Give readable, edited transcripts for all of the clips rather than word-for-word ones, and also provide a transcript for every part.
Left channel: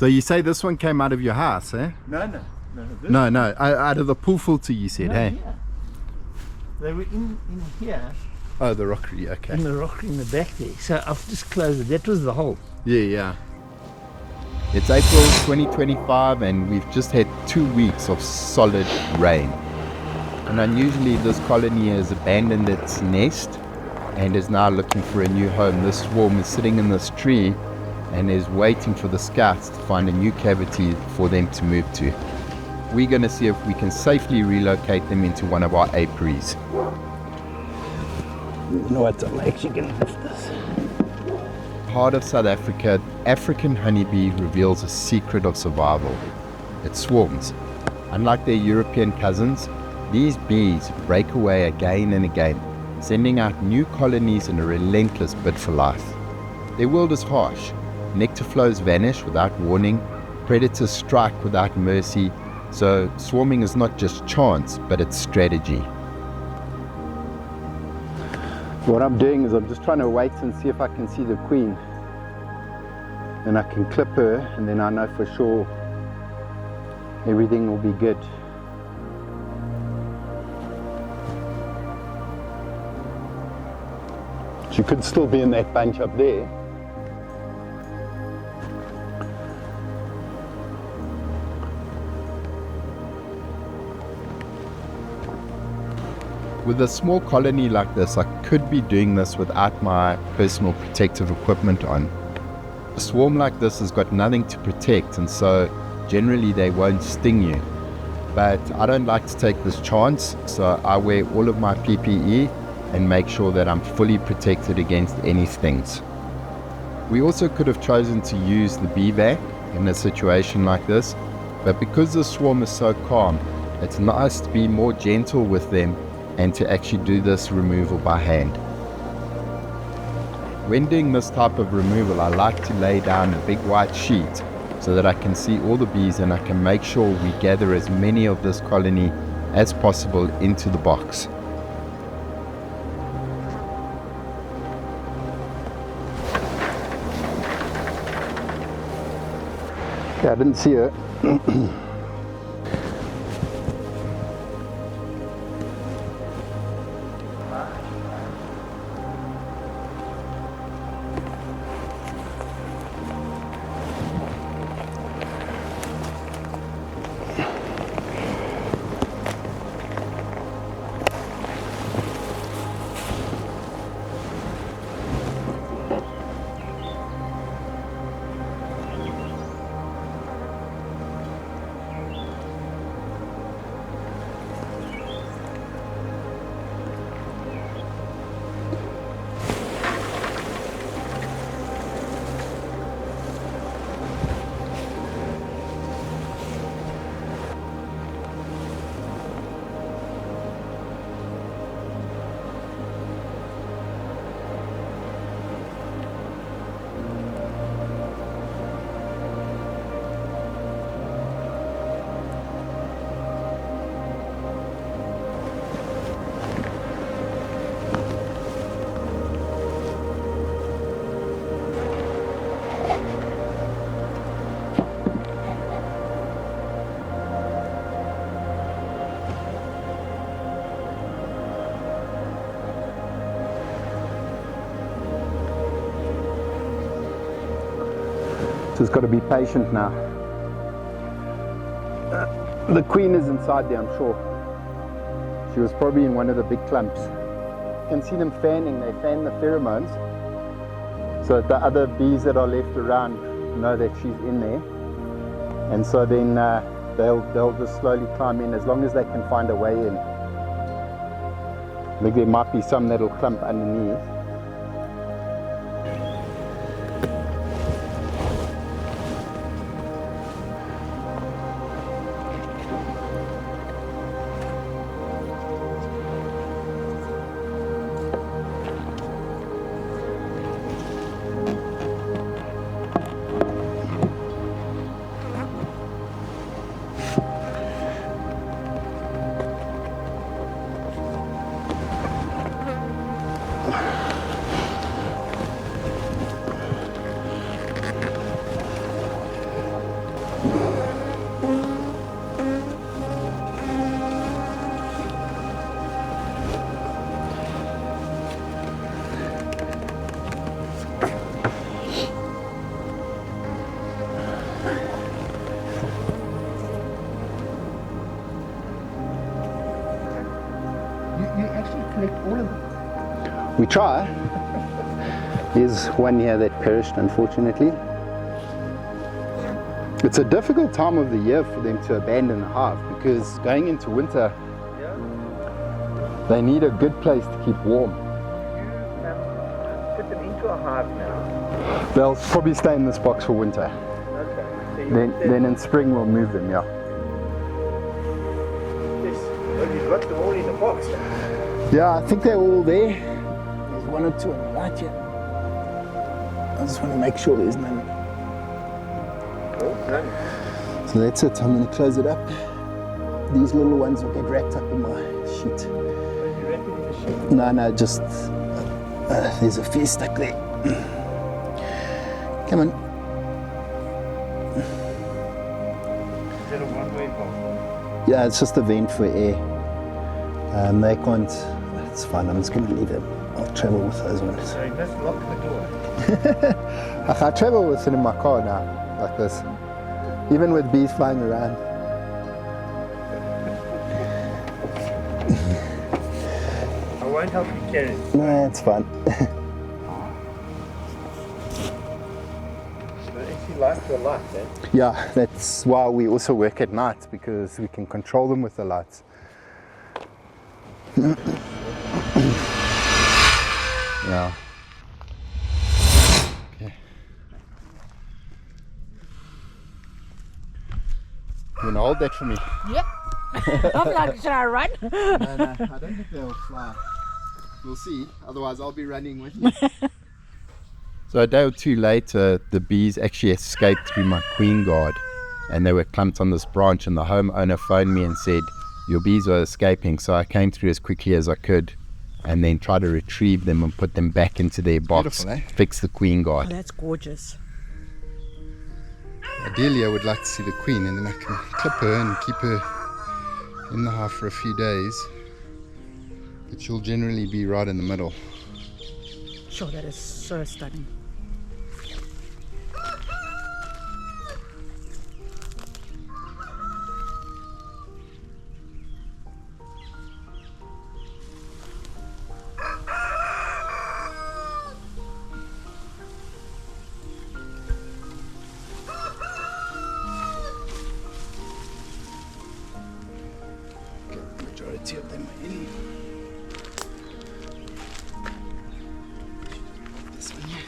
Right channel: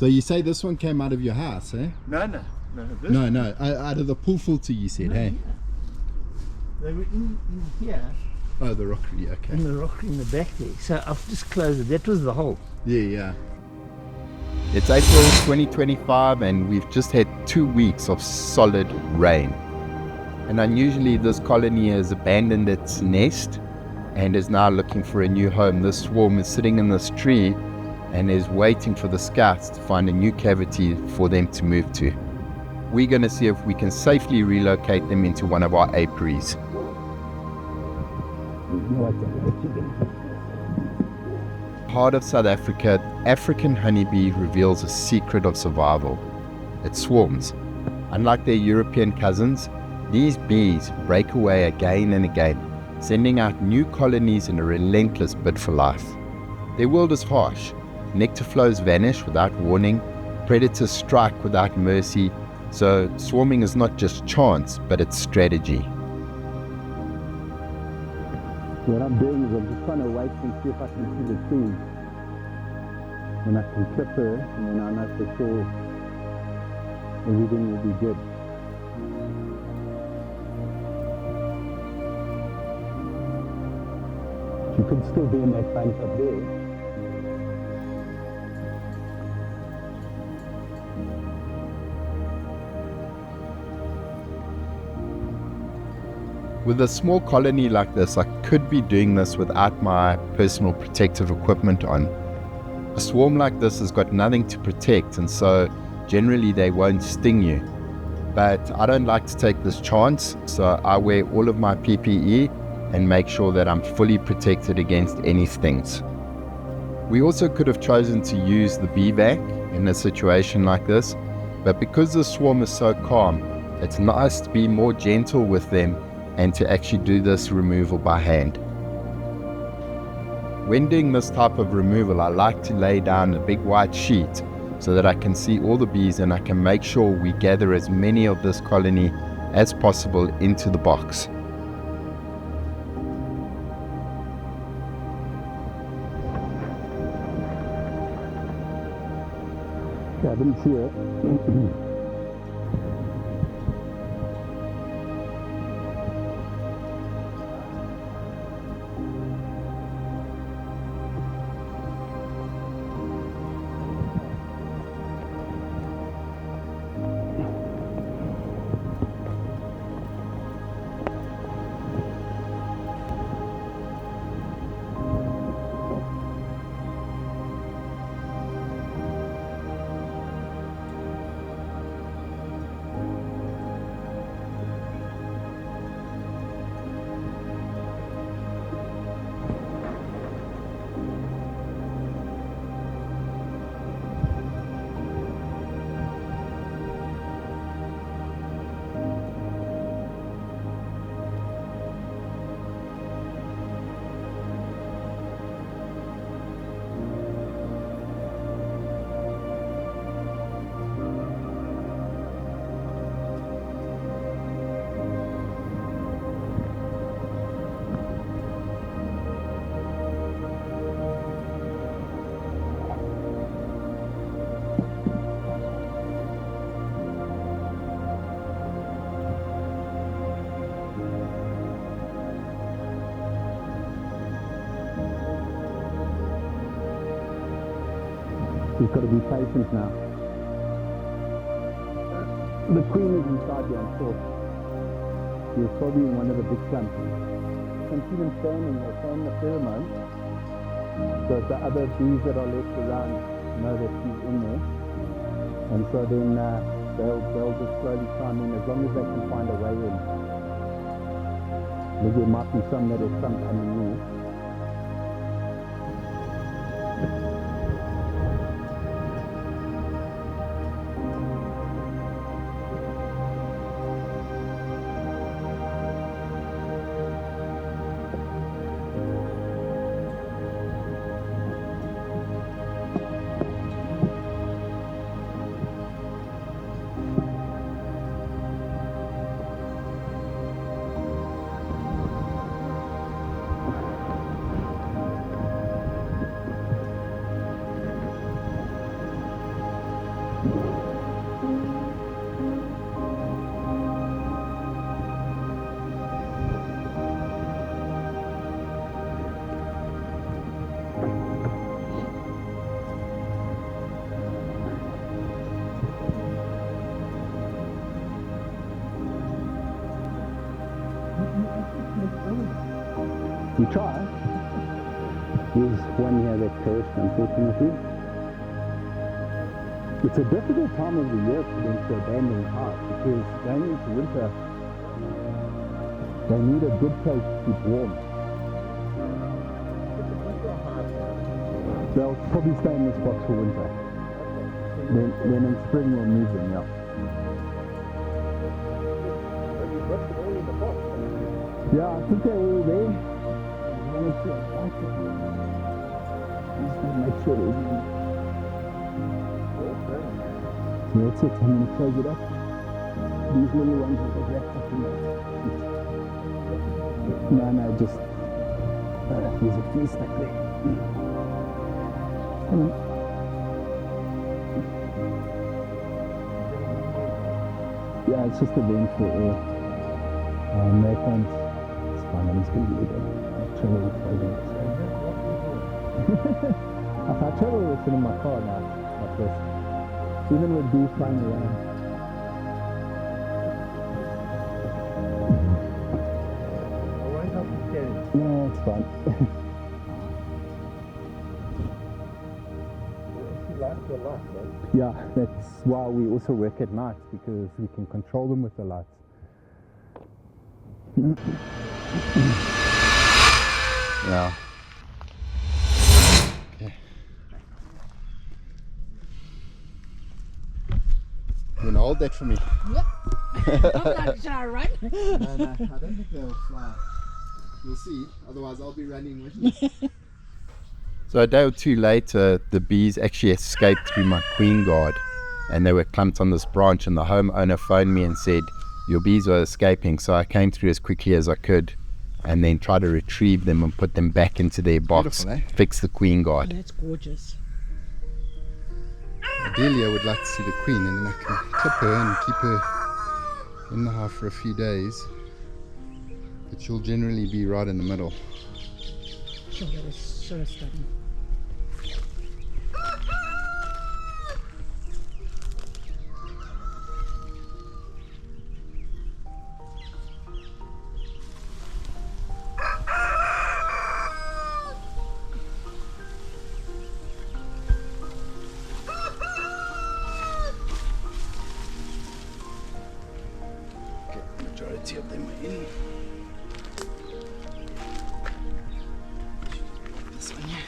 So you say this one came out of your house, eh? No. No, out of the pool filter you said, hey? Yeah. They were in here. Oh, the rockery, okay. In the rockery in the back there. So I've just closed it. That was the hole. Yeah. It's April 2025 and we've just had 2 weeks of solid rain. And unusually this colony has abandoned its nest and is now looking for a new home. This swarm is sitting in this tree and is waiting for the scouts to find a new cavity for them to move to. We're going to see if we can safely relocate them into one of our apiaries. You know what, I'm actually going to lift this. Heart of South Africa, African honeybee reveals a secret of survival. It swarms. Unlike their European cousins, these bees break away again and again, sending out new colonies in a relentless bid for life. Their world is harsh. Nectar flows vanish without warning, predators strike without mercy, so swarming is not just chance, but it's strategy. What I'm doing is I'm just trying to wait and see if I can see the queen. Then I can clip her and then I know for sure everything will be good. She could still be in that bunch up there. With a small colony like this, I could be doing this without my personal protective equipment on. A swarm like this has got nothing to protect, and so generally they won't sting you. But I don't like to take this chance, so I wear all of my PPE and make sure that I'm fully protected against any stings. We also could have chosen to use the bee vac in a situation like this, but because the swarm is so calm, it's nice to be more gentle with them and to actually do this removal by hand. When doing this type of removal, I like to lay down a big white sheet so that I can see all the bees and I can make sure we gather as many of this colony as possible into the box. Okay, I didn't see her. Just got to be patient now. The queen is inside there, I'm sure. She was probably in one of the big clumps. You can see them fanning, they fan the pheromones. So the other bees that are left around know that she's in there. And so then they'll just slowly climb in as long as they can find a way in. I think there might be some that'll clump underneath. collect all of them. We try. There's one here that perished, unfortunately. It's a difficult time of the year for them to abandon a hive because going into winter, they need a good place to keep warm. Put them into a hive now. They'll probably stay in this box for winter. Okay. So Then in spring we'll move them, yeah. Yes. Well, you've got them all in a box. Yeah, I think they're all there. There's one or two on the right here. I just want to make sure there's none. Well done. So that's it, I'm going to close it up. These little ones will get wrapped up in my sheet. Are you wrapping in the sheet? No, just, there's a few stuck there. Come on. Is that a one-way bomb? Yeah, it's just a vent for air. They can't, it's fine, I'm just going to leave it. I'll travel with those ones. So you must lock the door. I travel with it in my car now, like this. Even with bees flying around. I won't help you carry it. No, it's fine. So they actually like the light, eh? Yeah, that's why we also work at night, because we can control them with the lights. Yeah. Okay. You wanna hold that for me? Yep. I'm like, should I run? No, I don't think they'll fly. We'll see. Otherwise, I'll be running with you. So a day or two later, the bees actually escaped through my queen guard, and they were clumped on this branch, and the homeowner phoned me and said, your bees are escaping. So I came through as quickly as I could and then tried to retrieve them and put them back into their box, Beautiful, eh? fix the queen Oh, guard. that's gorgeous. Ideally, I would like to see the queen, and then I can clip her and keep her in the hive for a few days. But she'll generally be right in the middle. Sure, that is so stunning. Okay, majority of them are in. This one here.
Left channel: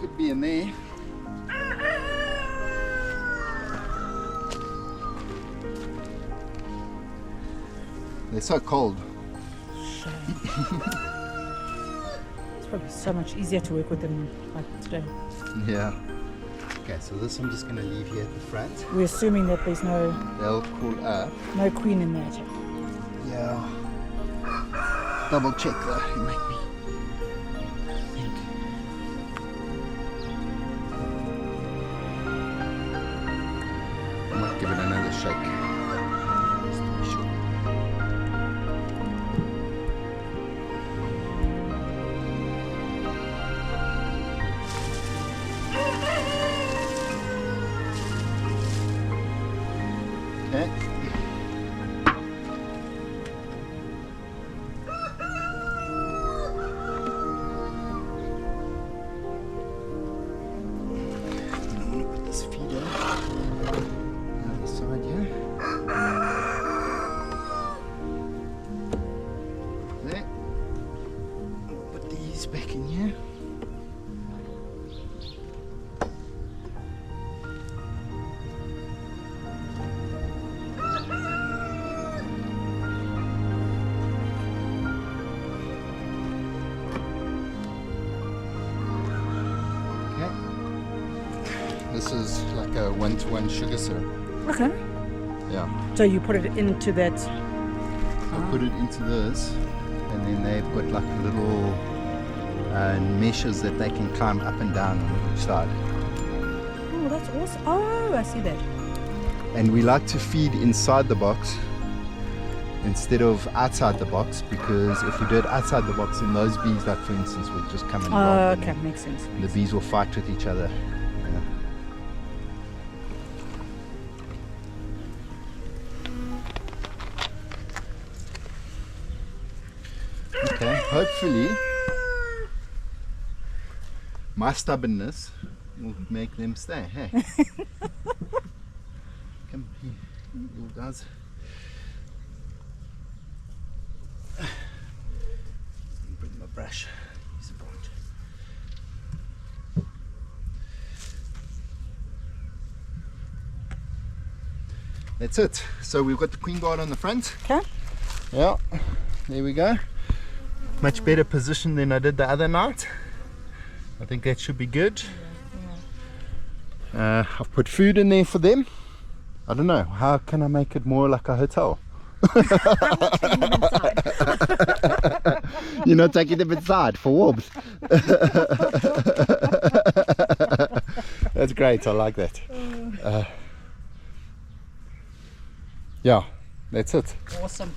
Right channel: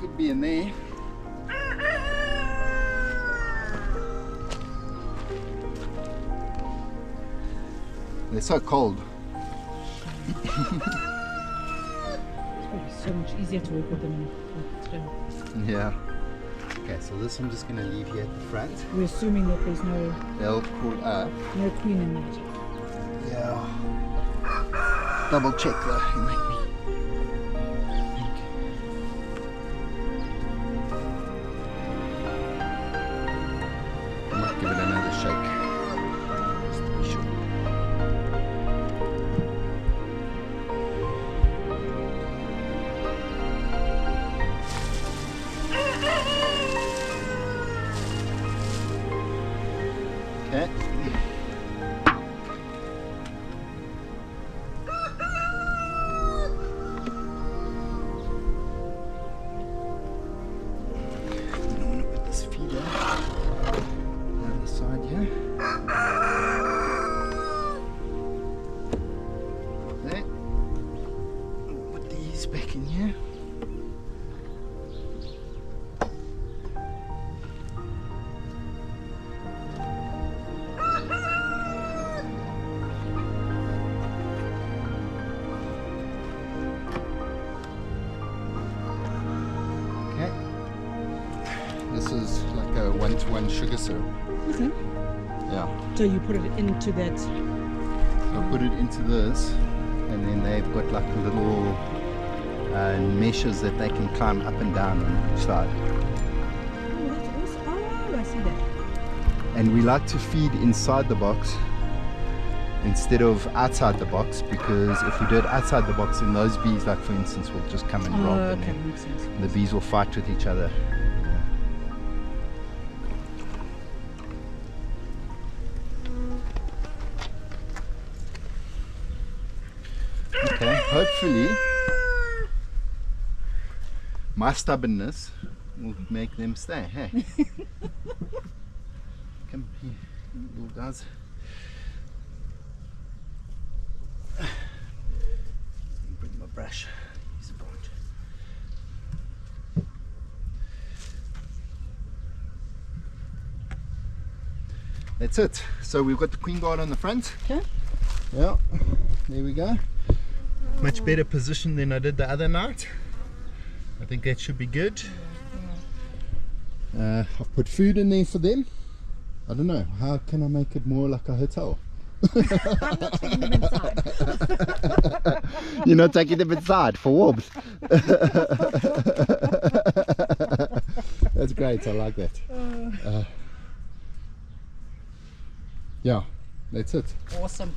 Could be in there. They're so cold. It's probably so much easier to work with them like today. Yeah. Okay, so this I'm just going to leave here at the front. We're assuming that there's no They'll cool up. queen in there. Yeah. Double check though. You make me think. I might give it another shake. Just to be sure. Okay. And I'm gonna put this feeder on the side here. There. We'll put these back in here. Okay. This is like a 1-to-1 sugar syrup. Okay. Yeah. So you put it into that. So I put it into this, and then they've got like little meshes that they can climb up and down on each side. Oh, that's awesome. Oh, I see that. And we like to feed inside the box, instead of outside the box, because if we do it outside the box, then those bees, like for instance, will just come and rob, Oh, and okay, then makes sense. the bees will fight with each other. Okay, hopefully my stubbornness will make them stay. Hey, come here, little guys. Bring my brush. Use a branch. That's it. So we've got the queen guard on the front. Okay. Yeah, there we go. Much better position than I did the other night. I think that should be good. I've put food in there for them. I don't know, how can I make it more like a hotel? I'm not taking them inside. You're not taking them inside for warmth. That's great, I like that. Yeah, that's it. Awesome.